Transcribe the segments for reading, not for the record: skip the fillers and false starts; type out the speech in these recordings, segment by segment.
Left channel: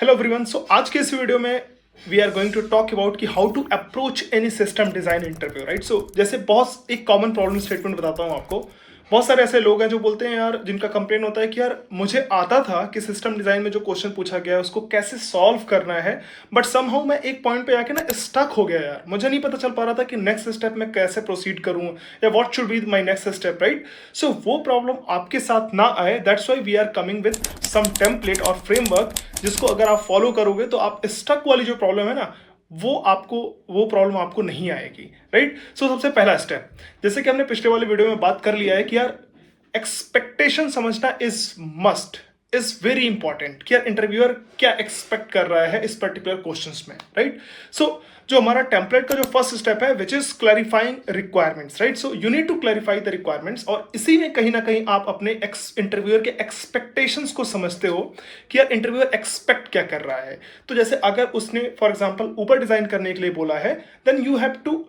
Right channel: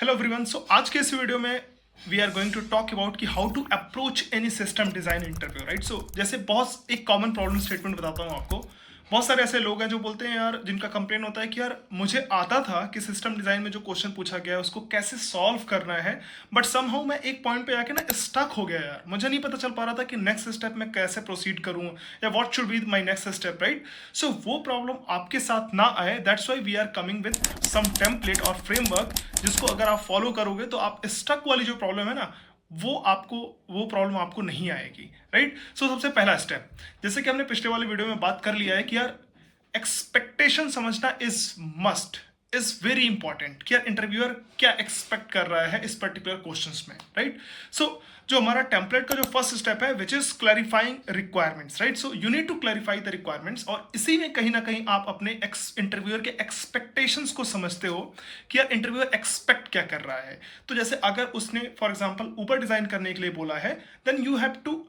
Hello everyone. सो आज के इस वीडियो में we are going to talk about कि how to approach any system design interview, right. So जैसे बहुत एक कॉमन प्रॉब्लम स्टेटमेंट बताता हूँ आपको। बहुत सारे ऐसे लोग हैं जो बोलते हैं यार, जिनका कंप्लेन होता है कि यार मुझे आता था कि सिस्टम डिजाइन में जो क्वेश्चन पूछा गया है उसको कैसे सॉल्व करना है, बट समहाउ मैं एक पॉइंट पे आके ना स्टक हो गया यार। मुझे नहीं पता चल पा रहा था कि नेक्स्ट स्टेप में कैसे प्रोसीड करूं या what should be my next step, right. So वो प्रॉब्लम आपके साथ ना आए, that's why we are coming with some template और फ्रेमवर्क जिसको अगर आप फॉलो करोगे तो आप स्टक वाली जो प्रॉब्लम है ना, वो प्रॉब्लम आपको नहीं आएगी, राइट। सो सबसे पहला स्टेप, जैसे कि हमने पिछले वाले वीडियो में बात कर लिया है कि यार एक्सपेक्टेशन समझना is must, is very important कि यार इंटरव्यूअर क्या एक्सपेक्ट कर रहा है इस पर्टिकुलर क्वेश्चंस में, राइट। सो जो हमारा टेम्पलेट का जो फर्स्ट स्टेप है which is clarifying requirements, right. So you need to clarify the requirements, और इसी में कहीं ना कहीं आप अपने इंटरव्यूअर के एक्सपेक्टेशंस को समझते हो कि यार इंटरव्यूअर एक्सपेक्ट क्या कर रहा है। तो जैसे अगर उसने फॉर एग्जांपल ऊपर डिजाइन करने के लिए बोला है, then you have to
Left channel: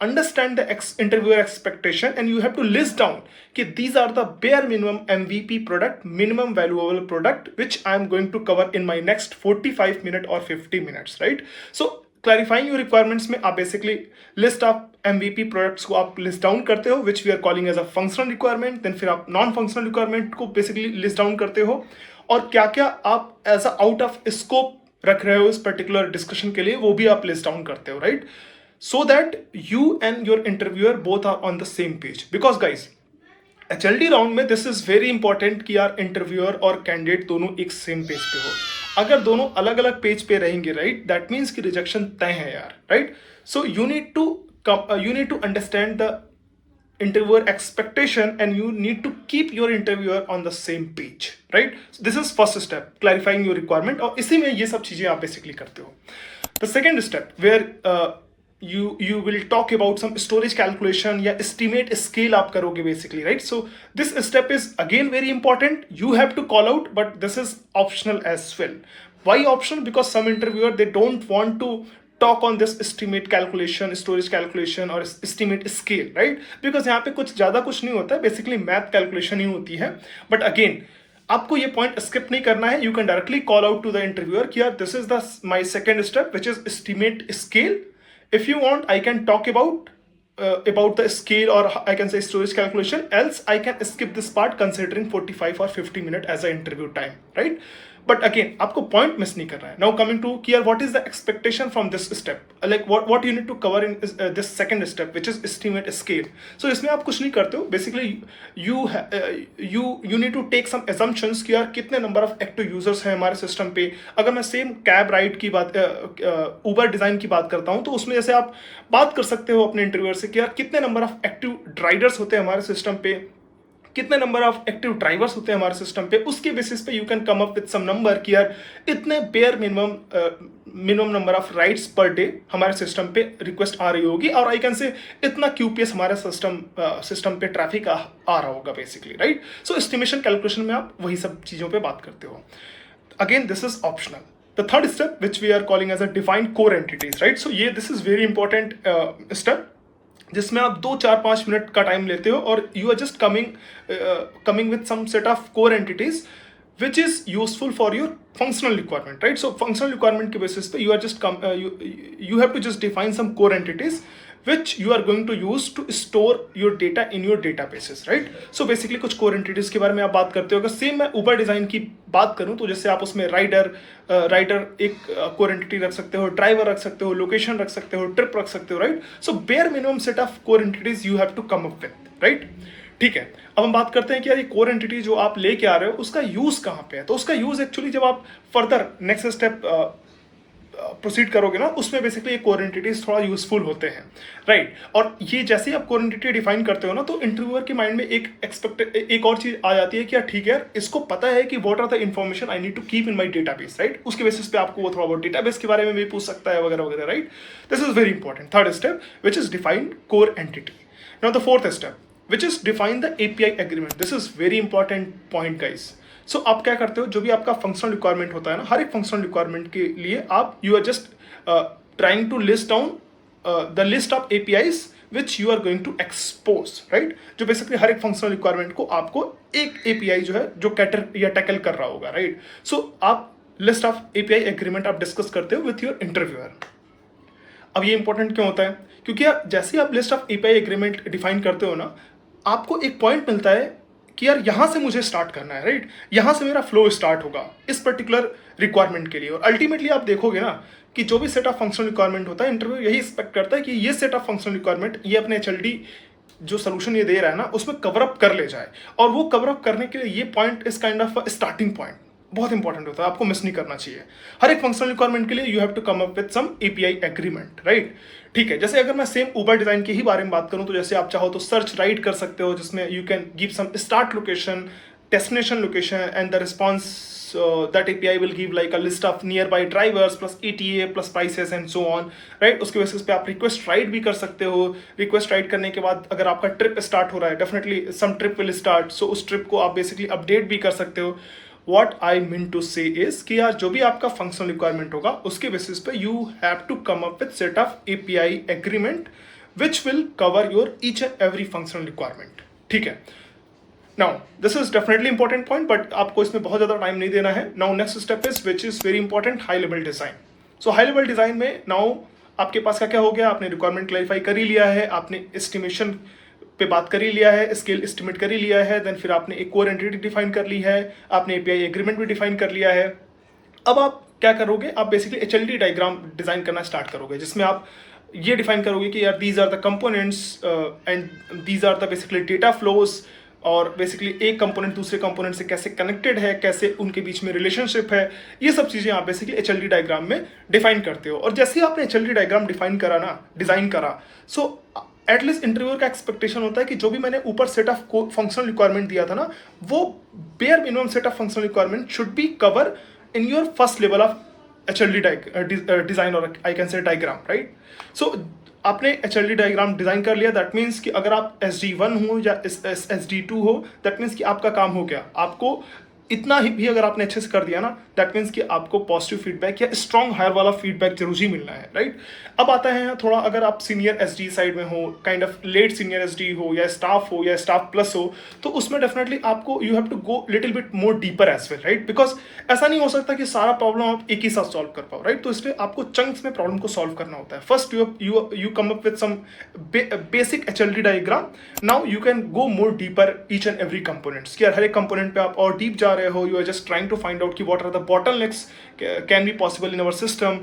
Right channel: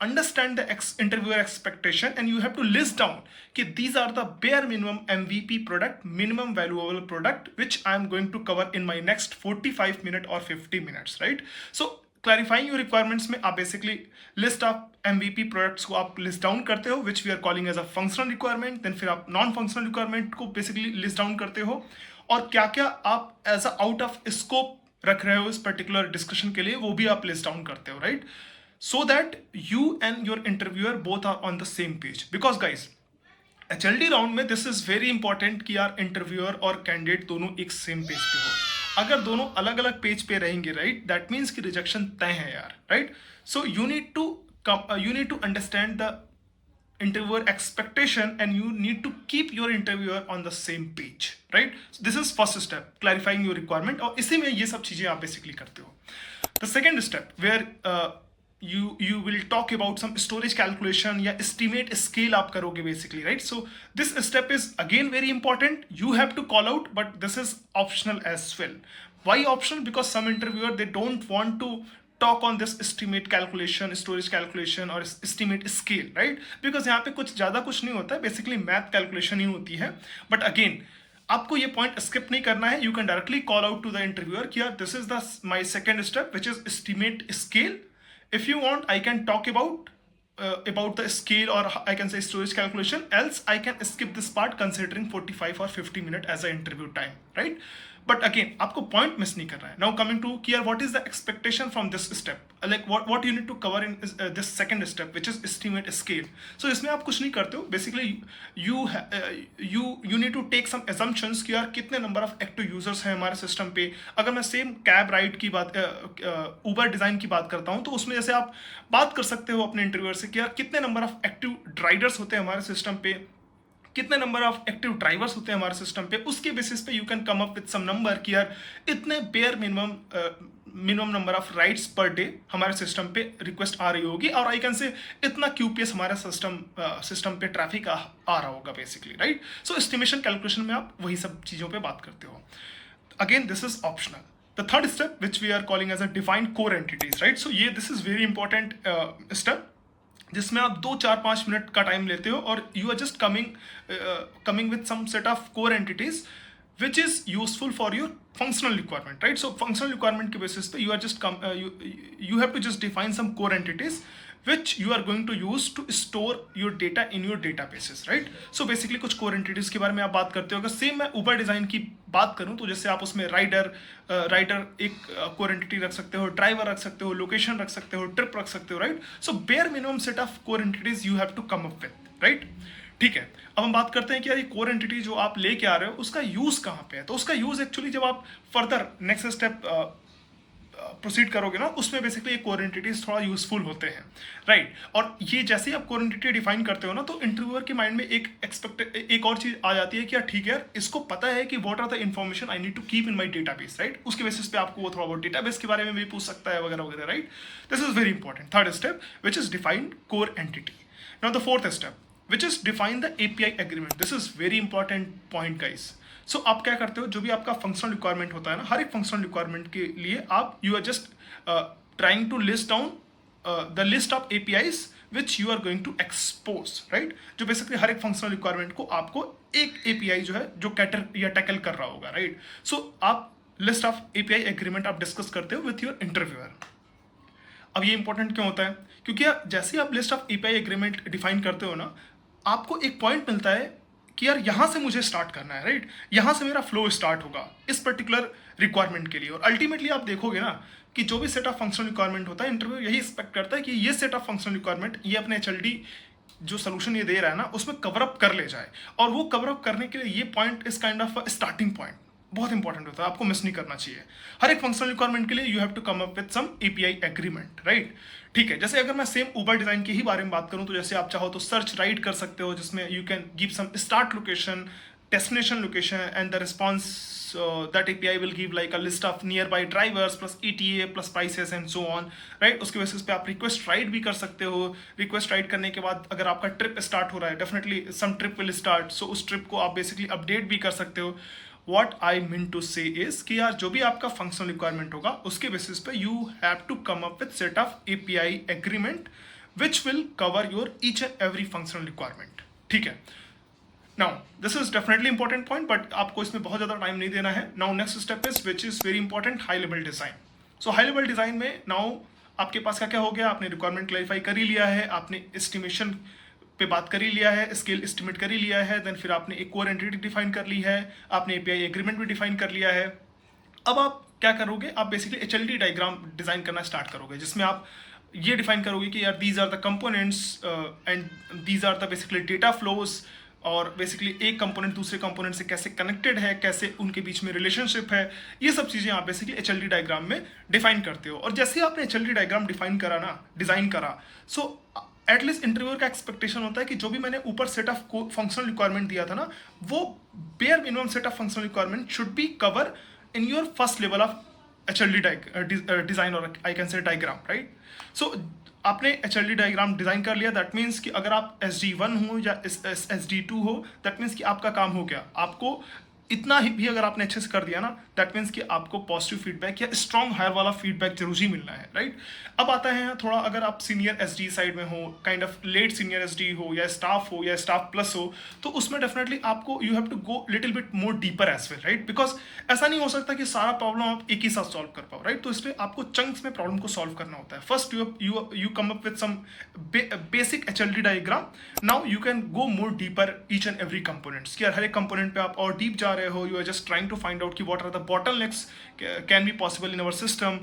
understand the interviewer expectation and you have to list down कि these are the bare minimum MVP product, minimum valuable product which I am going to cover in my next 45 minute or 50 minutes, right? So clarifying your requirements में आप basically list of MVP products को आप list down करते हो which we are calling as a functional requirement, then फिर आप non functional requirement को basically list down करते हो, और क्या क्या आप as a out of scope रख रहे हो इस पर्टिकुलर डिस्कशन के लिए वो भी आप लिस्ट डाउन करते हो, right. so that you and your interviewer both are on the same page, because guys HLD round में दिस इज वेरी इंपॉर्टेंट कि यार इंटरव्यूअर और कैंडिडेट दोनों एक सेम पेज पे हो। अगर दोनों अलग अलग पेज पे रहेंगे, राइट, दैट मीन्स कि रिजेक्शन तय है यार, right. So you need to understand the interviewer expectation and you need to keep your interviewer on the same page, right? So this is first step, clarifying your requirement, और इसी में ये सब चीजें आप बेसिकली करते हो। The second step where you will talk about some storage calculation या estimate scale आप करोगे basically, right? So this step is again very important, you have to call out, but this is optional as well. Why optional? Because some interviewer they don't want to talk on this estimate calculation, storage calculation और estimate scale, right? Because यहाँ पे कुछ ज्यादा कुछ नहीं होता है, basically math calculation ही होती है। But again आपको ये पॉइंट स्किप नहीं करना है, you can directly call out to the interviewer कि यार this is the my second step which is estimate scale. If you want I can talk about the scale, or I can say storage calculation, else I can skip this part considering 45 or 50 minute as an interview time, right? But again आपको point miss नहीं करना है। Now coming to कि यार what is the expectation from this step, like what you need to cover in this second step which is estimate scale. So इसमें आप कुछ नहीं करते हो, basically you need to take some assumptions कि यार कितने नंबर ऑफ एक्टिव यूजर्स हैं हमारे सिस्टम पे। अगर मैं सेम कैब राइड की बात, उबर डिजाइन की बात करता हूं, तो उसमें जैसे आप बात कर सकते हो अपने इंटरव्यूअर से कि यार कितने नंबर ऑफ एक्टिव राइडर्स होते हैं हमारे सिस्टम पे, कितने नंबर ऑफ एक्टिव ड्राइवर्स होते हैं हमारे सिस्टम पे। उसके बेसिस पे you can come up with some number कि यार इतने bare minimum number of rides per day हमारे सिस्टम पे रिक्वेस्ट आ रही होगी, और आई कैन से इतना क्यूपीएस हमारे सिस्टम पे ट्रैफिक आ रहा होगा basically, right. So estimation calculation में आप वही सब चीजों पे बात करते हो। Again this is optional. The third step which we are calling as a defined core entities, right. So ये this is very important step जिसमें आप 2-4-5 मिनट का टाइम लेते हो और you are just coming with some set of core entities which is useful for your functional requirement, right? So functional requirement के basis पे you are just you have to just define some core entities which you are going to use to store your data in your databases, right? So basically कुछ core entities के बारे में आप बात करते हो। अगर सेम मैं उबर डिजाइन की बात करूं तो जैसे आप उसमें राइडर एक core entity रख सकते हो, ड्राइवर रख सकते हो, लोकेशन रख सकते हो, ट्रिप रख सकते हो, right. So bear minimum set of core entities you have to come up with, right. ठीक है, अब हम बात करते हैं कि यार ये कोर एंटिटी जो आप लेके आ रहे हो उसका यूज कहां पे है। तो उसका यूज एक्चुअली जब आप फर्दर नेक्स्ट स्टेप प्रोसीड करोगे ना, उसमें बेसिकली ये कोर एंटिटीज थोड़ा यूजफुल होते हैं, राइट। और ये जैसे ही आप कोर एंटिटी डिफाइन करते हो ना, तो इंटरव्यूअर के माइंड में एक और चीज आ जाती है कि यार ठीक है यार, इसको पता है कि what are the information I need to keep in my database, right. उसके बेसिस पे आपको वो थोड़ा बहुत डेटाबेस के बारे में भी पूछ सकता है वगैरह वगैरह, right. This is very important third step which is define core entity. Now the fourth step which is define the API agreement. This is very important point guys. So आप क्या करते हो, जो भी आपका फंक्शनल रिक्वायरमेंट होता है ना, हर एक फंक्शनल रिक्वायरमेंट के लिए आप you are just trying to list down the list of APIs which you are going to expose, right? जो बेसिकली हर एक फंक्शनल रिक्वायरमेंट को आपको एक API जो है जो कैटर या टैकल कर रहा होगा, राइट। सो आप लिस्ट ऑफ एपीआई एग्रीमेंट आप डिस्कस करते हो विथ योर इंटरव्यूअर। अब ये इंपॉर्टेंट क्यों होता है? क्योंकि यार जैसे ही आप list of API agreement define करते हो ना, आपको एक पॉइंट मिलता है कि यार यहां से मुझे स्टार्ट करना है, राइट? यहां से मेरा फ्लो स्टार्ट होगा इस पर्टिकुलर रिक्वायरमेंट के लिए। और अल्टीमेटली आप देखोगे ना कि जो भी सेट ऑफ फंक्शनल रिक्वायरमेंट होता है, इंटरव्यू यही एक्सपेक्ट करता है कि ये सेट ऑफ फंक्शनल रिक्वायरमेंट ये अपने एचएलडी जो सोल्यूशन ये दे रहा है ना उसमें कवर अप कर ले जाए। और वो कवर अप करने के लिए ये point is kind of starting point बहुत इंपॉर्टेंट होता है, आपको मिस नहीं करना चाहिए। हर एक फंक्शनल रिक्वायरमेंट के लिए you have to come up with some API agreement, right? ठीक है, जैसे अगर मैं सेम उबर डिजाइन के ही बारे में बात करूं तो जैसे आप चाहो तो सर्च राइट कर सकते हो, जिसमें you can give some start location, destination location, and the response that API will give like a list of nearby drivers plus ETA plus prices and so on, right? उसके basis पे आप request right भी कर सकते हो। Request right करने के बाद अगर आपका ट्रिप स्टार्ट हो रहा है, definitely some trip will start, so उस ट्रिप को आप बेसिकली अपडेट भी कर सकते हो। व्हाट आई मीन टू से इज कि यार जो भी आपका फंक्शनल रिक्वायरमेंट होगा उसके बेसिस पे you have to come up with set of API agreement which will cover your each and every functional requirement. ठीक है, now this is definitely important point, but आपको इसमें बहुत ज्यादा टाइम नहीं देना है। Now next step is which is very important, high level design. So high level design में नाउ आपके पास क्या क्या हो गया? आपने रिक्वायरमेंट क्लैरिफाई कर ही लिया है, आपने एस्टिमेशन पे बात कर ही लिया है, स्केल एस्टिमेट कर ही लिया है, देन फिर आपने एक कोर एंटिटी डिफाइन कर ली है, आपने एपीआई एग्रीमेंट भी डिफाइन कर लिया है। अब आप क्या करोगे? आप बेसिकली एचएलडी डायग्राम डिजाइन करना स्टार्ट करोगे, जिसमें आप ये डिफाइन करोगे कि यार these are the components and these are the basically data flows, और बेसिकली एक कंपोनेंट दूसरे कंपोनेंट से कैसे कनेक्टेड है, कैसे उनके बीच में रिलेशनशिप है, ये सब चीजें आप बेसिकली एचएलडी डायग्राम में डिफाइन करते हो। और जैसे ही आपने एचएलडी डायग्राम डिफाइन करा ना, डिजाइन करा, सो एटलीस्ट इंटरव्यूअर का एक्सपेक्टेशन होता है कि जो भी मैंने ऊपर सेट ऑफ फंक्शनल रिक्वायरमेंट दिया था ना, वो bare minimum set of functional requirement should be cover in your first level of HLD design, और I can say diagram, right? So आपने एचएलडी डायग्राम डिजाइन कर लिया, दैट मीन्स कि अगर आप SD1 हो या SD2 हो, दैट मीन्स कि आपका काम हो गया। आपको इतना ही भी अगर आपने अच्छे से कर दिया ना, दैट मीन्स कि आपको पॉजिटिव फीडबैक या स्ट्रॉन्ग हायर वाला फीडबैक जरूर ही मिलना है, राइट? अब आता है थोड़ा, अगर आप सीनियर SD साइड में हो, kind of late senior SD हो या स्टाफ प्लस हो, तो उसमें डेफिनेटली आपको you have to go little bit more deeper as well, right? Because ऐसा नहीं हो सकता कि सारा प्रॉब्लम आप एक ही साथ सॉल्व कर पाओ, राइट? तो इसलिए आपको चंक्स में प्रॉब्लम को सॉल्व करना होता है। First you come up with some basic HLD diagram, now you can go more deeper each and every components, कि हर एक कंपोनेंट पे आप और डीप जा रहे हो, you are just trying to find out कि what are the bottlenecks can be possible in our system,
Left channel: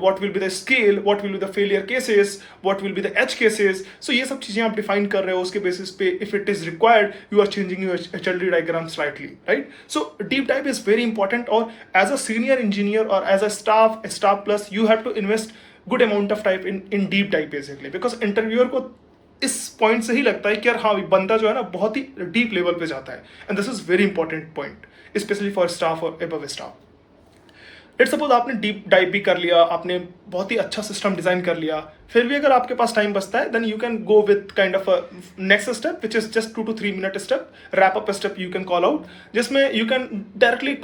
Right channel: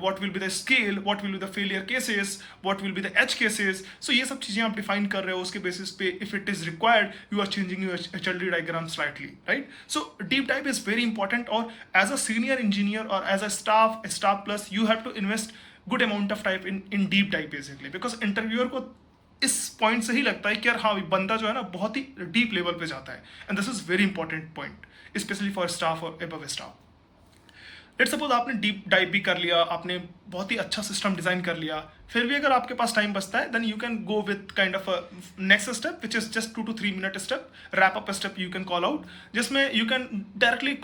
what will be the scale, what will be the failure cases, what will be the edge cases. So ये सब चीजें आप define कर रहे हो, उसके basis पे if it is required you are changing your HLD diagram slightly, right? So deep dive is very important, और as a senior engineer or as a staff plus you have to invest good amount of time in deep dive basically, because interviewer को इस point से ही लगता है कि यार हाँ बंदा जो है ना बहुत ही डीप लेवल पे जाता है, and this is very important point specially for staff और एबव स्टाफ। लेट्स सपोज आपने डीप डाइव भी कर लिया, आपने बहुत ही अच्छा सिस्टम डिजाइन कर लिया, फिर भी अगर आपके पास टाइम बचता है, then you can go with kind of next step which is just 2 to 3 minute step, wrap up step you can call out, जिसमें you can directly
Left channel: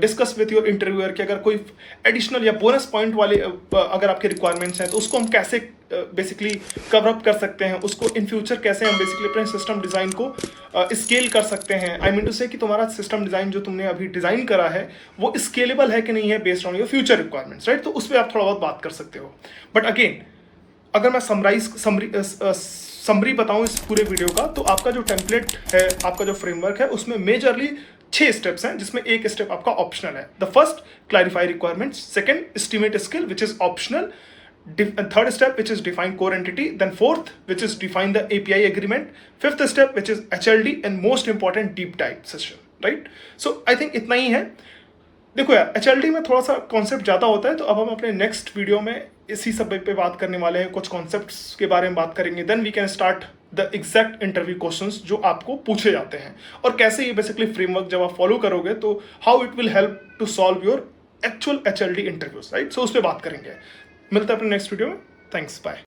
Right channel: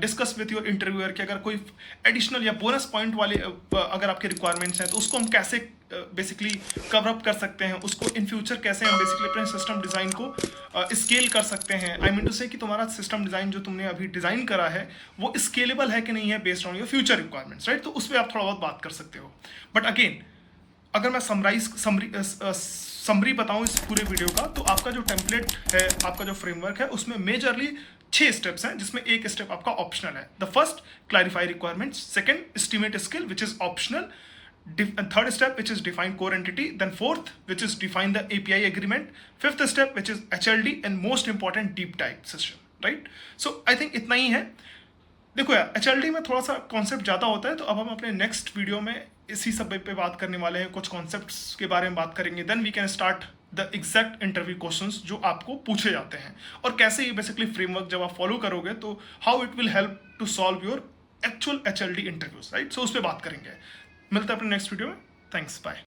discuss with your interviewer कि अगर कोई एडिशनल या bonus point वाले अगर आपके requirements हैं तो उसको हम कैसे बेसिकली कवर अप कर सकते हैं, उसको इन फ्यूचर कैसे हम बेसिकली अपने सिस्टम डिजाइन को स्केल कर सकते हैं। आई मीन टू से कि तुम्हारा सिस्टम डिजाइन जो तुमने अभी डिजाइन करा है वो स्केलेबल है कि नहीं है based on your future requirements, right? तो उस पर आप थोड़ा बहुत बात कर सकते हो। बट अगेन अगर मैं समरी बताऊं इस पूरे वीडियो का, तो आपका जो टेम्पलेट है, आपका जो फ्रेमवर्क है, उसमें मेजरली 6 स्टेप्स हैं, जिसमें एक स्टेप आपका ऑप्शनल है। The first, clarify requirements, second, estimate scale which is optional, third step which is define core entity, then fourth which is define the API agreement, fifth step which is HLD, and most important deep dive session, right? So I think इतना ही है। देखो यार HLD में थोड़ा सा concept ज्यादा होता है, तो अब हम अपने नेक्स्ट वीडियो में इसी सब पे बात करने वाले हैं, कुछ कॉन्सेप्ट्स के बारे में बात करेंगे, then we can start the exact interview questions जो आपको पूछे जाते हैं, और कैसे ये बेसिकली फ्रेमवर्क जब आप फॉलो करोगे तो how it will help to solve your actual HLD interviews, right? So उस पर बात करेंगे। मिलता है अपने नेक्स्ट वीडियो में। Thanks, bye.